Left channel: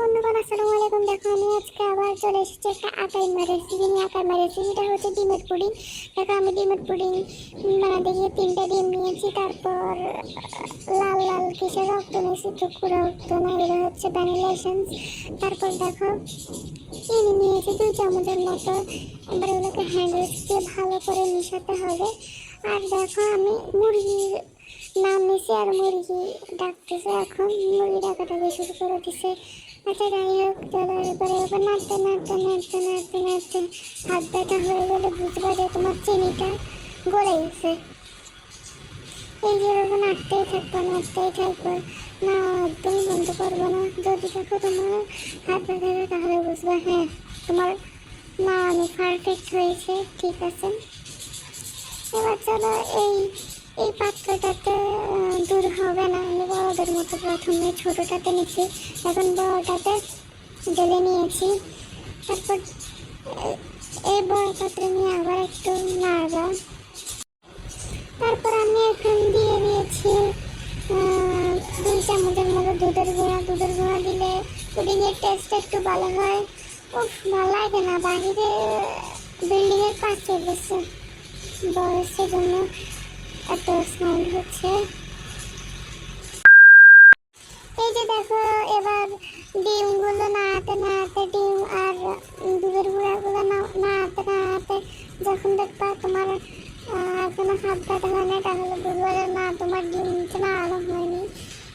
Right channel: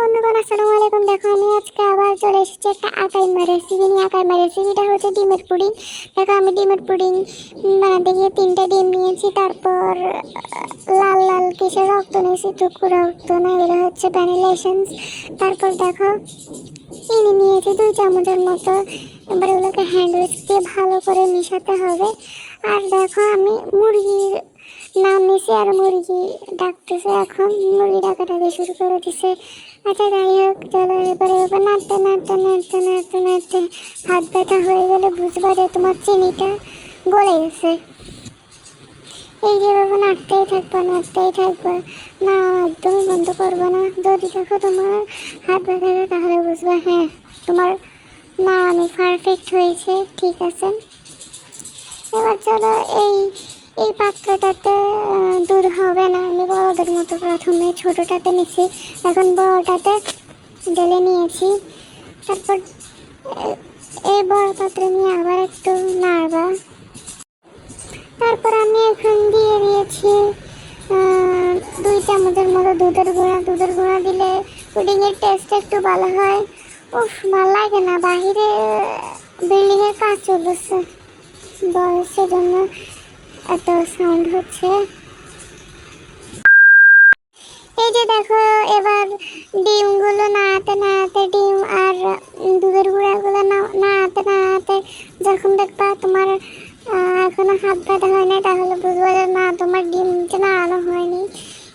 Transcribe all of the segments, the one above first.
বন্ধুগণ, আসসালামু আলাইকুম। দেখো, আমি আজকে আবার চলে এসেছি একটা আকাইমা রেসিপি নিয়ে। আকাইমা রেসিপিটা হচ্ছে ডিমের পুডিং। দেখো, আমি ডিমের পুডিং বানাতে গিয়ে 3টা ডিম নিয়েছি। তারপর লাল লাল কেশর রক্ত নিয়েছি, টুকু রক্ত না, এগুলো হচ্ছে ভ্যানিলা এসেন্স। তারপর দেখো, চিনি নিয়েছি 2 চামচের মতো। এবার ওগুলোকে হ্যান্ড উইস্ক দিয়ে ভালো করে মিশাতে হবে। আর দেখো, আমি মুরগির নাম নিছি আর মুরগি ডাকতেছে। এখন মুরগি ডাকাটাকে শুরু করে দিছে। আচ্ছা, যাই হোক, চলো এবারে নাড়তে নাড়তে নাড়তে নাড়তে নাড়তে হাত ব্যথা হয়ে গেলে বুঝবা যে তোমার চিনিটা গলে গেছে। এই যেভাবে নাড়তেই থাকবে নাড়তেই থাকবে, না একদম বন্ধ করবো না। যদি দেখো তোমার হাত ব্যথা হয় তাহলে বুঝবে হ্যাঁ তোমার না আমি পারফেক্ট হয়েছে, ঠিক আছে। এবার চলো এই এই পাত্রটাতে দূর হবে না, আমি বড়দের মতো প্রথমে ছোটোটাতে নিচ্ছি, এখন বড়টাতে ঢেলে নিয়েছি। তারপর এই বড় পাত্রে নিয়ে আবার একটু নাড়বা। তারপর আমি এখন দিয়ে দিয়েছি 2 চামচের মতো দুধের গুঁড়া। দুধের গুঁড়া দিলে পুডিংয়ের টেস্ট একটু ভালো হয়। উফ, ভালো লাগে না, বাহিরে বিল্ডিংয়ের কাজ চলছে, বয়সের জন্য এত সাউন্ড হচ্ছে। এই যে দেখো, এবার ডিমগুলো নাড়াতে নাড়াতে, ডিম আর দুধের গুঁড়াগুলো নাড়াতে নাড়াতে যখন দেখবা তোমার এখনো হাত ব্যথা হয় না, তাহলে বুঝবো যে না তোমার ডিমটা নাড়ানো হয়নি।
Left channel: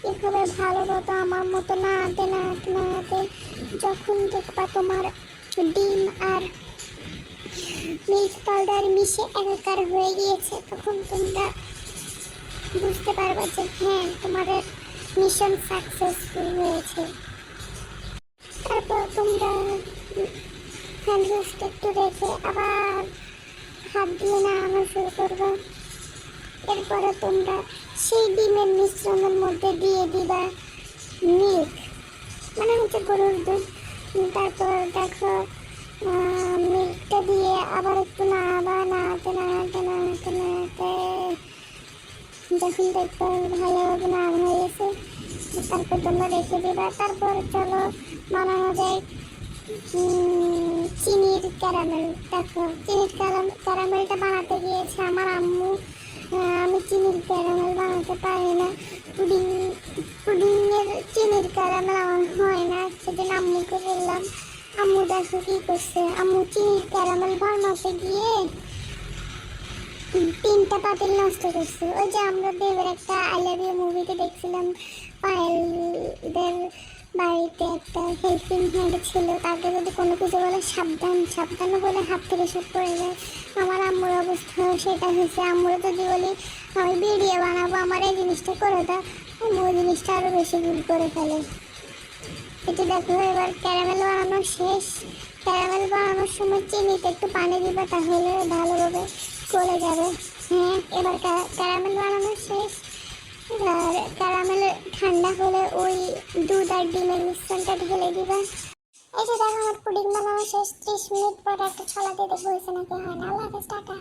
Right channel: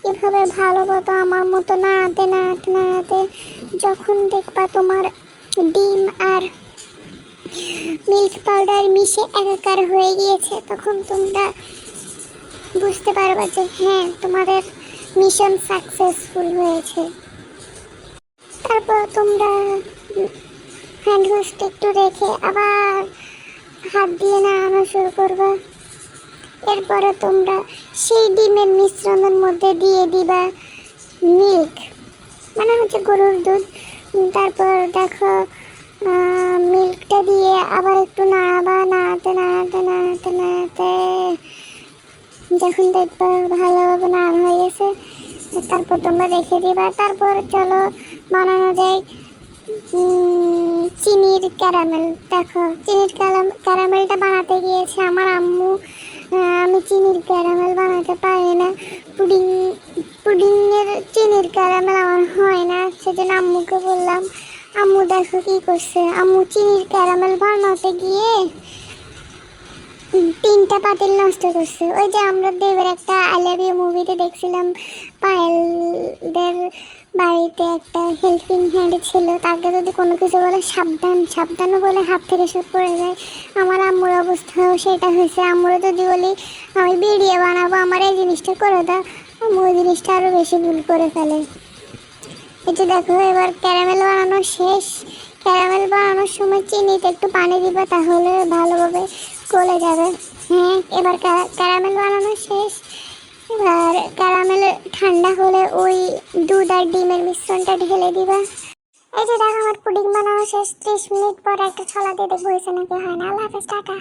এভাবে ভালো মতো আমার মতো নাড়াতে নাড়াতে নাড়াতে যখন দেখবা তোমার ডিম আর মিল্ক পাউডার মিশে একাকার হয়ে গিয়েছে, তখন তোমরা বুঝতে পারবা যে হ্যাঁ তোমাদের মিশন সাকসেসফুল হয়েছে। তারপর তোমরা হ্যান্ড ওয়াশটা একটু রেখে আবার হাত দিয়ে নাড়ানো শুরু করবা। এরপরে তোমরা সেই ডিমের মিশ্রণের মধ্যে দিয়ে দিবা মিল্ক, মানে হচ্ছে গরুর দুধ। তারপর দেখো, মিল্কটা দিয়ে আবার একটু নাড়াবা, নাড়াতে নাড়াতে নাড়াতে নাড়াতে যখন দেখবা ভালোভাবে নাড়া হয়ে গেছে, তারপর তোমরা রেখে দিবা। তারপর চলো বানানো যায় চিনির ক্যারামেল। দেখো, চিনির ক্যারামেলটা বানাতে গিয়েছে আমার আম্মু। আমি চিনির ক্যারামেল বানাতে পারি না, পুডিংয়ের চিনির ক্যারামেল আমার হয় না, সেজন্য আম্মুকে বললাম। আম্মু দেখো কি করছে, আম্মু চিনির ক্যারামেল বানাতে গিয়ে 3টা পাতিল নষ্ট করছে। ওই যে আমরা দেবের একটা আই লাভ ইউ মুভিতে দেখছিলাম, পায়েলদের বাড়িতে একটা হেল্পিং হ্যান্ড ছিল, তাকে যদি কোনো কিছু বলে সাবধান সাবধানও বলে হাত থেকে সব পড়ে যায়। আমার আম্মুর অবস্থাও সেটা হয়েছে। আম্মুরও যদি বলি আমি ভিডিও বানাবো, আমার এই জিনিসটা করে দাও, আম্মু ওই জিনিসটা আরও বেশি ভুল করে ফেলে। এই যে দেখো, এবার ক্যারামেল বানানো শেষ। ক্যারামেল বানানোর সময় চিনিতে একটু পানি দিবা, তাহলে ভালোভাবে গলে যাবে। হ্যাঁ, এবার ক্যারামেল বানানো শেষ। এবার ক্যারামেল ঠান্ডা হলে ওই দুধ আর ডিমের মিশ্রণটা ঢেলে দিবা। এই যে দেখো, আমার পুডিং বানানো শেষ। 30 মিনিট পর একটা ছলা দিয়ে দেখবো হয়েছে নাকি হয় না। আল্লাহ হাফেজ, টাটা।